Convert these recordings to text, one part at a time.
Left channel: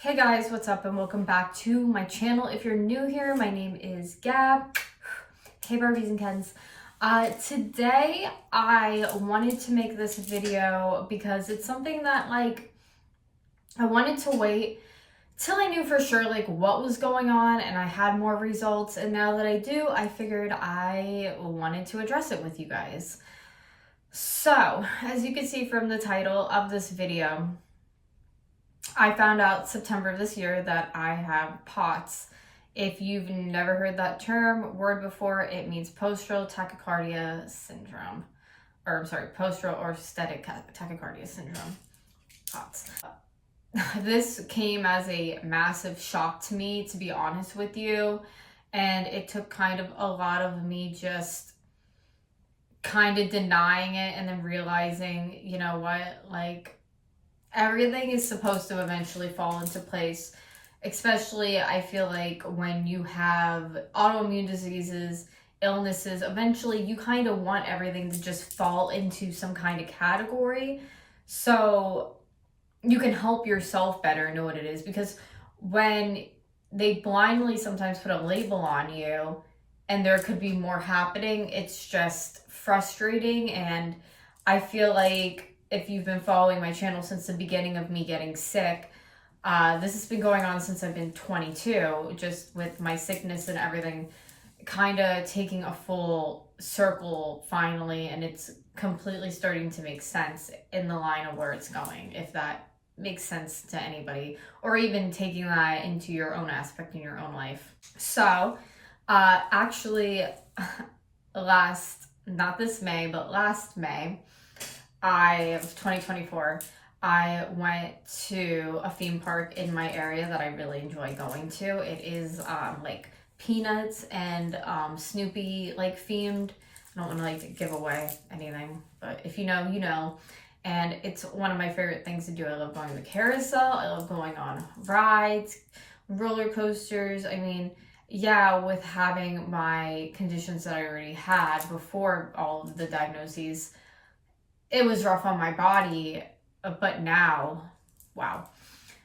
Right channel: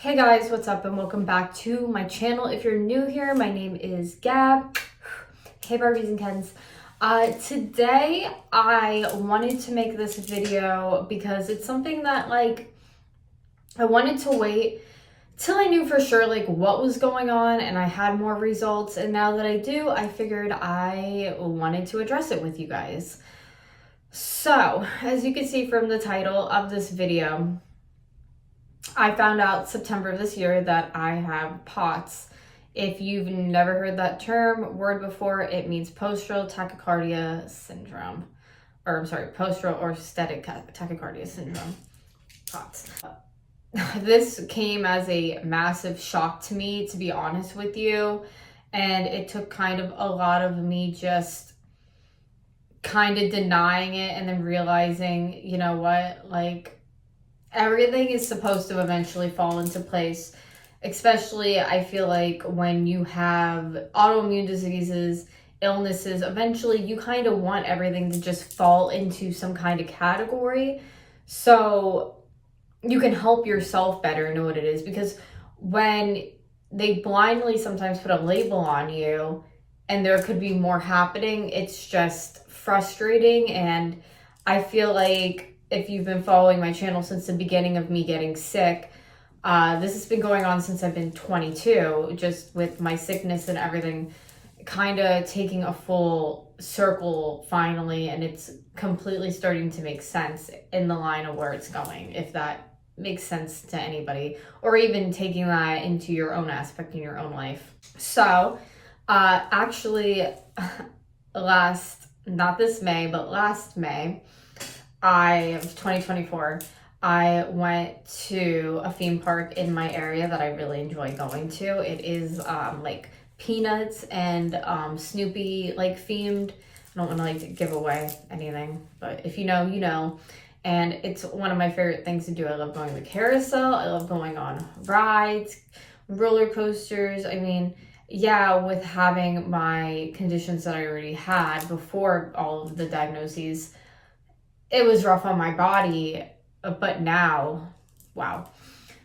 Hey guys, what's up and welcome back to my channel. If you're new here, my name is Gab. Hey Barbies and Kens. Today I wanted to make this video because it's something that I wanted to wait till I knew for sure what was going on and I had more results, and now that I do, I figured I wanted to address it with you guys. So, as you can see from the title of this video, I found out September of this year that I have POTS. If you've never heard that word before, it means postural tachycardia syndrome. Postural orthostatic tachycardia syndrome. POTS. This came as a massive shock to me, to be honest with you. And it took kind of a lot of me just kind of denying it and then realizing, you know what, everything is supposed to eventually fall into place, especially I feel like when you have autoimmune diseases, illnesses, eventually you kind of want everything to just fall into some kind of category so you can help yourself better know what it is. Because when they blindly sometimes put a label on you and there could be more happening, it's just frustrating. And I feel like if you've been following my channel since the beginning of me getting sick, this has been going on since I've been 22, just with my sickness and everything kind of taking a full circle finally, and it's completely starting to make sense in the line of where it's going, if that makes sense to anybody, or even taking that into your own aspect in your own life. So, actually, not this May, but last May, it was 2024, I went to a theme park in my area that I really enjoy going to. It is Peanuts and Snoopy themed. I don't want to give away anything, but if you know, you know. And it's one of my favorite things to do. I love going to the carousel. I love going on rides, roller coasters. I mean, yeah, with having my conditions that I already had before all of the diagnoses, it was rough on my body, but now, wow.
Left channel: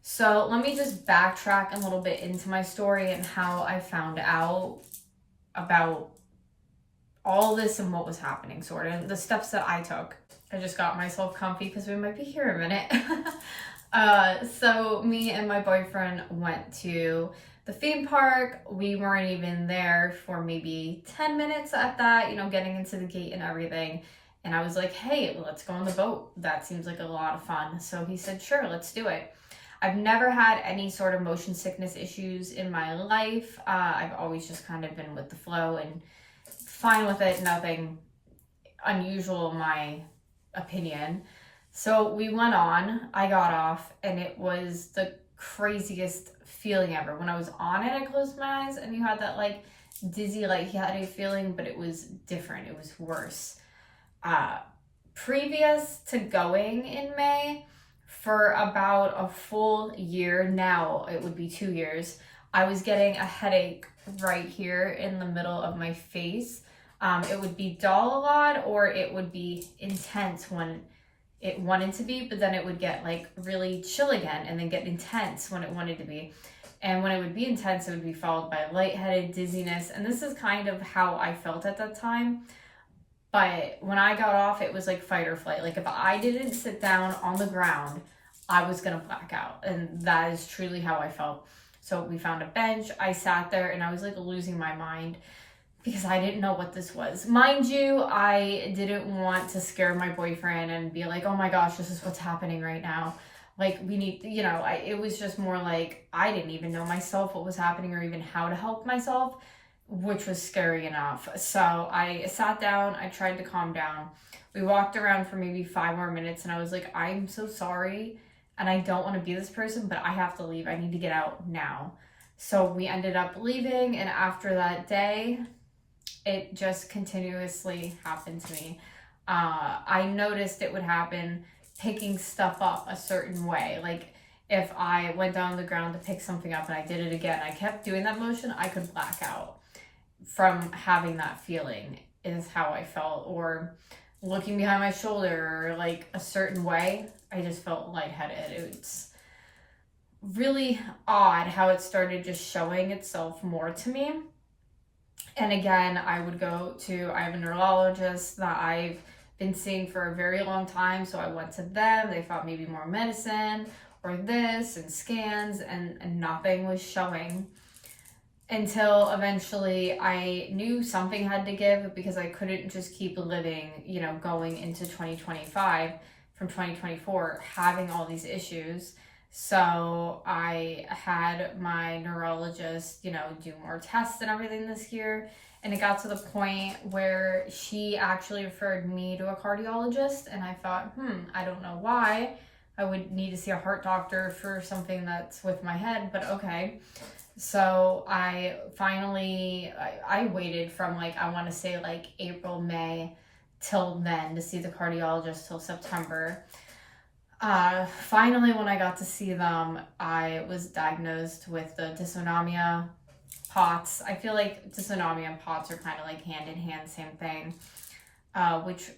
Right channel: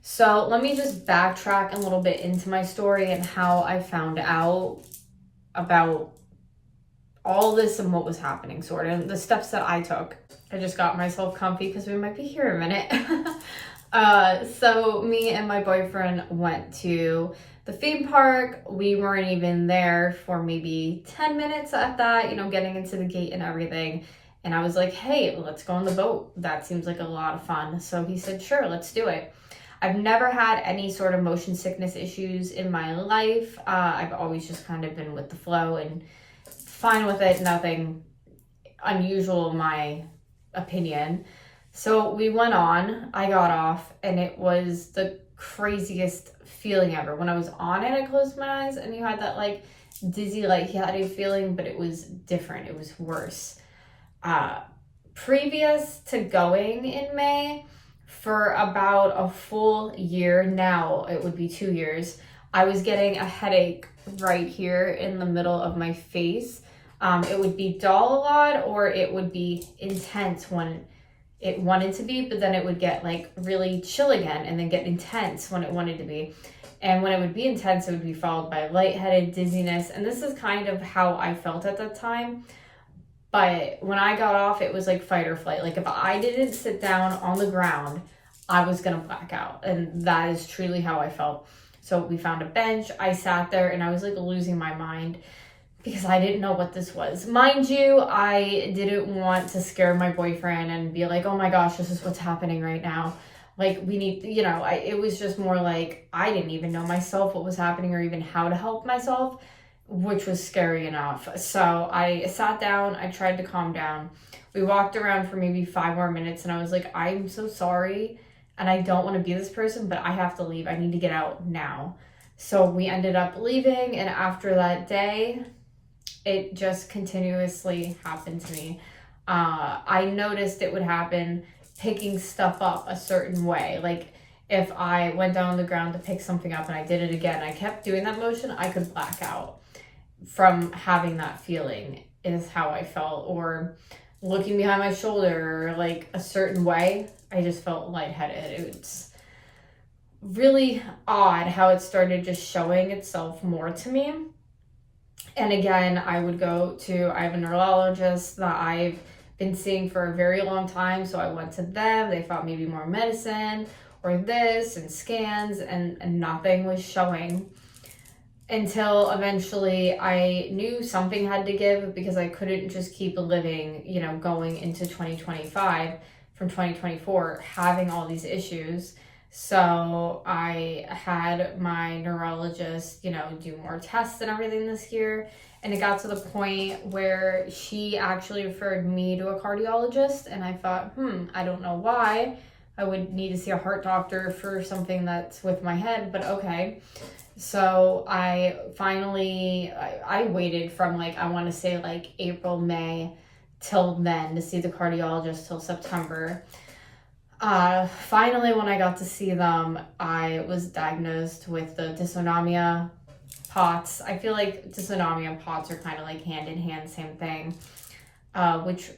So let me just backtrack a little bit into my story and how I found out about all this and what was happening, sort of, and the steps that I took. I just got myself comfy because we might be here a minute. So me and my boyfriend went to the theme park. We weren't even there for maybe 10 minutes at that, getting into the gate and everything. And I was like, hey, let's go on the boat. That seems like a lot of fun. So he said, sure, let's do it. I've never had any sort of motion sickness issues in my life. I've always just kind of been with the flow and fine with it. Nothing unusual in my opinion. So we went on, I got off, and it was the craziest feeling ever. When I was on it, I closed my eyes and you had that dizzy, lightheaded feeling, but it was different. It was worse. Previous to going in May, for about a full year, now it would be 2 years, I was getting a headache right here in the middle of my face. It would be dull a lot, or it would be intense when it wanted to be, but then it would get really chill again and then get intense when it wanted to be. And when it would be intense, it would be followed by lightheaded, dizziness. And this is kind of how I felt at that time. But when I got off, it was like fight or flight. If I didn't sit down on the ground, I was going to black out. And that is truly how I felt. So we found a bench. I sat there and I was losing my mind because I didn't know what this was. Mind you, I didn't want to scare my boyfriend and be like, oh my gosh, this is what's happening right now. We need, it was just more I didn't even know myself what was happening or even how to help myself, which was scary enough. So I sat down, I tried to calm down. We walked around for maybe 5 more minutes and I was like, I'm so sorry and I don't want to be this person, but I have to leave. I need to get out now. So we ended up leaving, and after that day, it just continuously happened to me. I noticed it would happen picking stuff up a certain way. If I went down on the ground to pick something up and I did it again, I kept doing that motion, I could black out from having that feeling, is how I felt. Or looking behind my shoulder a certain way, I just felt lightheaded. really odd how it started just showing itself more to me. And again, I have a neurologist that I've been seeing for a very long time. So I went to them, they thought maybe more medicine or this and scans, and nothing was showing until eventually I knew something had to give, because I couldn't just keep living, going into 2025 from 2024, having all these issues. So I had my neurologist, do more tests and everything this year. And it got to the point where she actually referred me to a cardiologist. And I thought, I don't know why I would need to see a heart doctor for something that's with my head, but okay. So I finally, I waited from I want to say April, May till then to see the cardiologist till September. Finally, when I got to see them, I was diagnosed with the dysautonomia, POTS. I feel like dysautonomia and POTS are kind of hand in hand, same thing, which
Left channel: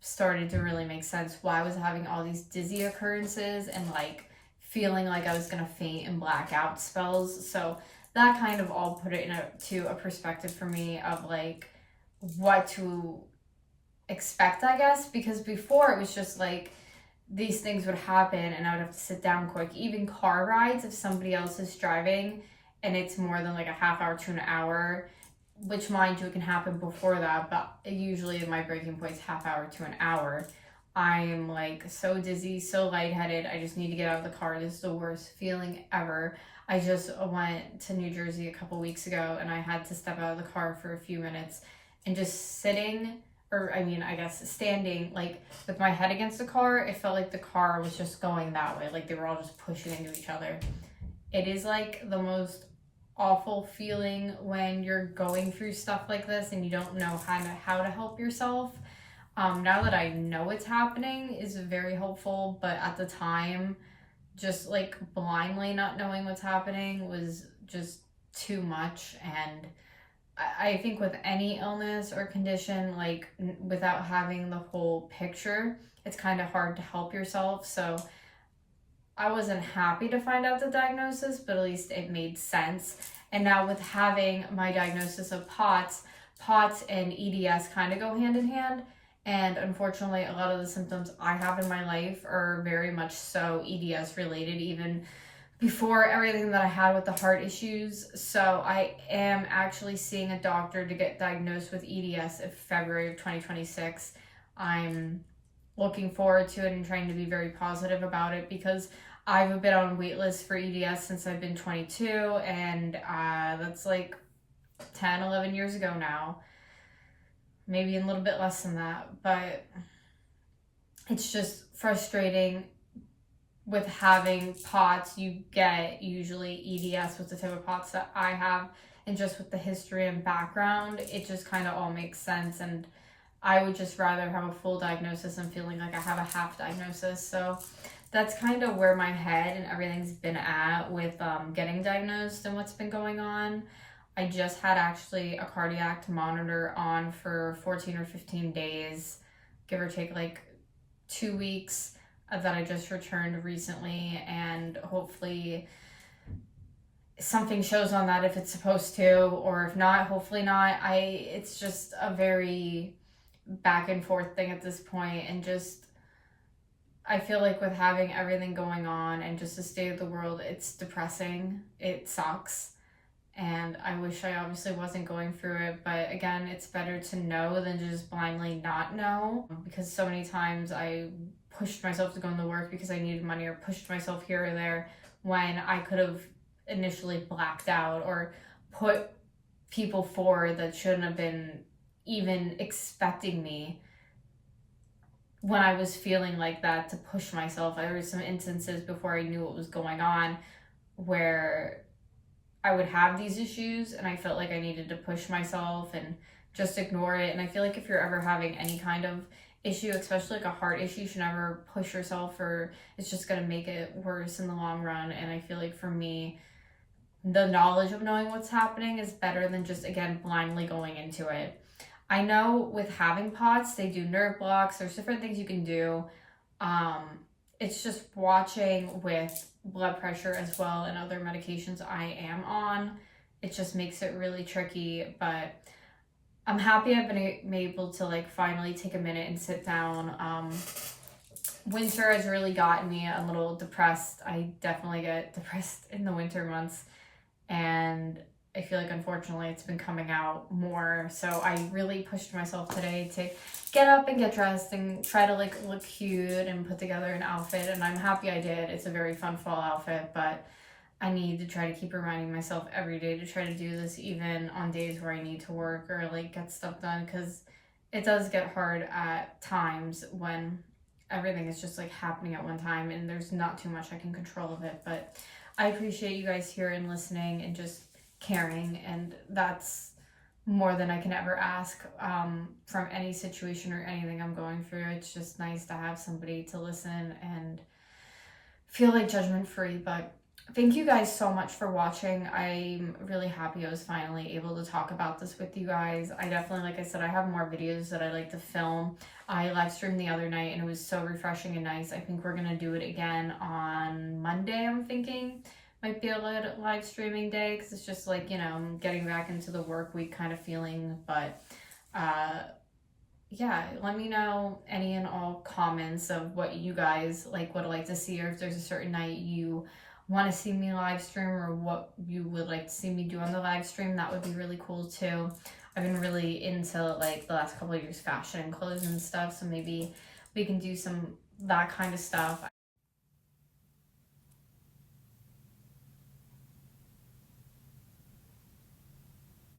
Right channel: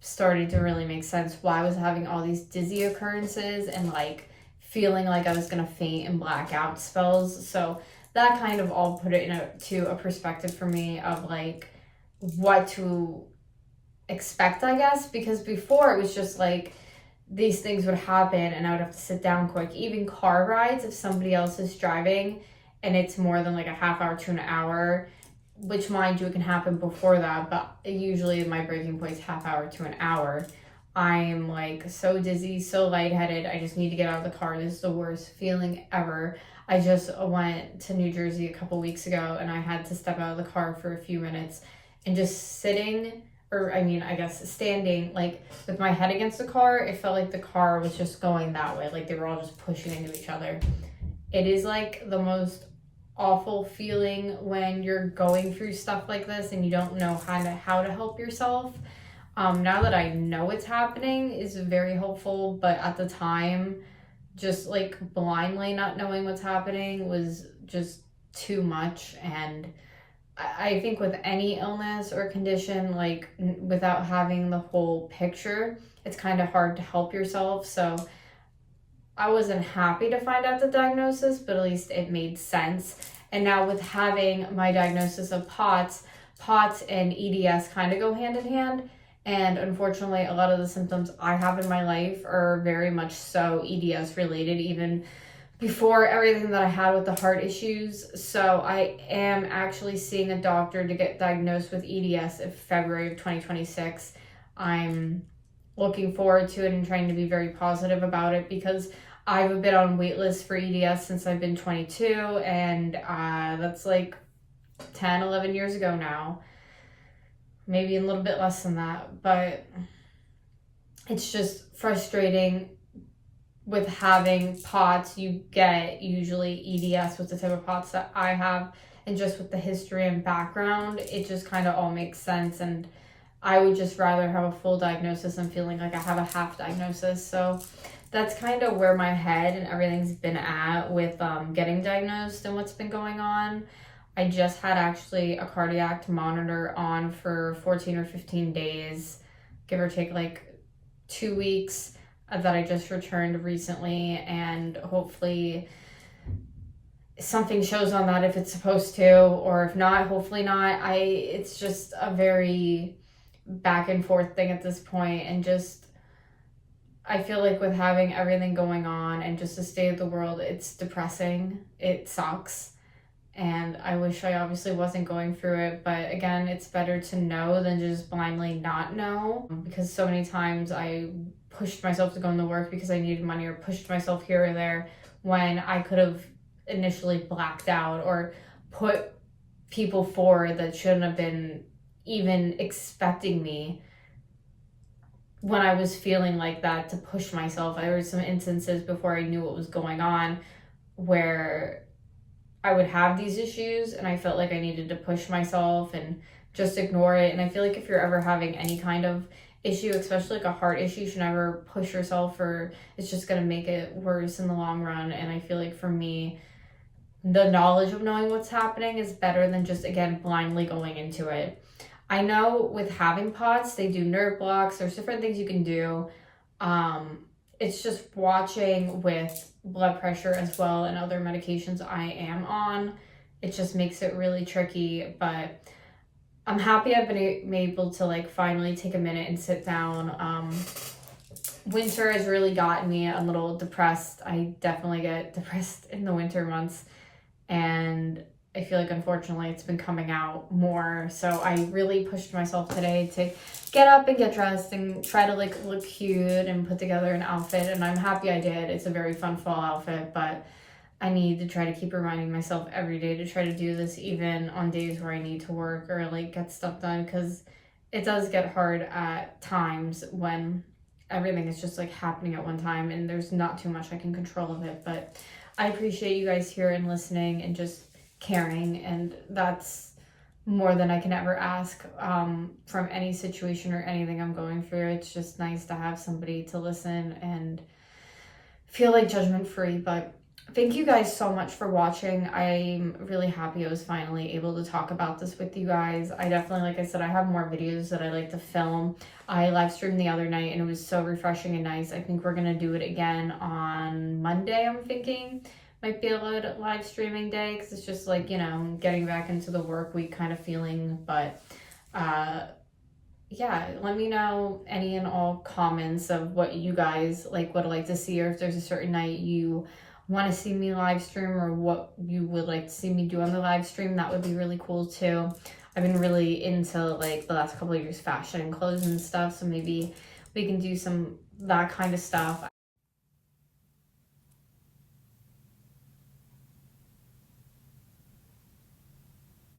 started to really make sense why I was having all these dizzy occurrences and feeling like I was gonna faint and black out spells. So that kind of all put it into a perspective for me of what to expect, I guess, because before it was just these things would happen and I would have to sit down quick. Even car rides, if somebody else is driving and it's more than a half hour to an hour, which mind you, it can happen before that, but usually my breaking point is half hour to an hour. I am so dizzy, so lightheaded. I just need to get out of the car. This is the worst feeling ever. I just went to New Jersey a couple weeks ago and I had to step out of the car for a few minutes and just sitting, or I guess standing, with my head against the car, it felt like the car was just going that way. They were all just pushing into each other. It is the most awful feeling when you're going through stuff like this and you don't know how to help yourself. Now that I know it's happening is very helpful, but at the time, just blindly not knowing what's happening was just too much. And I think with any illness or condition, without having the whole picture, it's kind of hard to help yourself. So I wasn't happy to find out the diagnosis, but at least it made sense. And now with having my diagnosis of POTS and EDS kind of go hand in hand. And unfortunately, a lot of the symptoms I have in my life are very much so EDS related, even before everything that I had with the heart issues. So I am actually seeing a doctor to get diagnosed with EDS in February of 2026. I'm looking forward to it and trying to be very positive about it, because I've been on wait lists for EDS since I've been 22, and that's 10, 11 years ago now. Maybe a little bit less than that, but it's just frustrating. With having POTS, you get usually EDS with the type of POTS that I have, and just with the history and background, it just kind of all makes sense. And I would just rather have a full diagnosis than feeling like I have a half diagnosis. So that's kind of where my head and everything's been at with getting diagnosed and what's been going on. I just had actually a cardiac monitor on for 14 or 15 days, give or take 2 weeks, that I just returned recently, and hopefully something shows on that if it's supposed to, or if not, hopefully not. It's just a very back and forth thing at this point, and just I feel with having everything going on and just the state of the world, it's depressing. It sucks. And I wish I obviously wasn't going through it, but again, it's better to know than just blindly not know, because so many times I pushed myself to go into work because I needed money, or pushed myself here or there when I could have initially blacked out or put people forward that shouldn't have been even expecting me when I was feeling like that, to push myself. There were some instances before I knew what was going on where I would have these issues and I felt like I needed to push myself and just ignore it. And I feel if you're ever having any kind of issue, especially a heart issue, you should never push yourself, or it's just going to make it worse in the long run. And I feel for me, the knowledge of knowing what's happening is better than just, again, blindly going into it. I know with having POTS, they do nerve blocks. There's different things you can do. it's just watching with blood pressure as well and other medications I am on. It just makes it really tricky, but I'm happy I've been able to like finally take a minute and sit down. Winter has really gotten me a little depressed. I definitely get depressed in the winter months, and I feel like unfortunately it's been coming out more. So I really pushed myself today to get up and get dressed and try to like look cute and put together an outfit, and I'm happy I did. It's a very fun fall outfit, but I need to try to keep reminding myself every day to try to do this, even on days where I need to work or like get stuff done, because it does get hard at times when everything is just like happening at one time and there's not too much I can control of it. But I appreciate you guys here and listening and just caring, and that's more than I can ever ask from any situation or anything I'm going through. It's just nice to have somebody to listen and feel like judgment free. But thank you guys so much for watching. I'm really happy I was finally able to talk about this with you guys. I definitely, like I said, I have more videos that I like to film. I live streamed the other night and it was so refreshing and nice. I think we're gonna do it again on Monday, I'm thinking. Might be a live streaming day because it's just like, you know, getting back into the work week kind of feeling. But yeah, let me know any and all comments of what you guys like would like to see, or if there's a certain night you want to see me live stream, or what you would like to see me do on the live stream. That would be really cool too. I've been really into like the last couple of years fashion and clothes and stuff, so maybe we can do some that kind of stuff.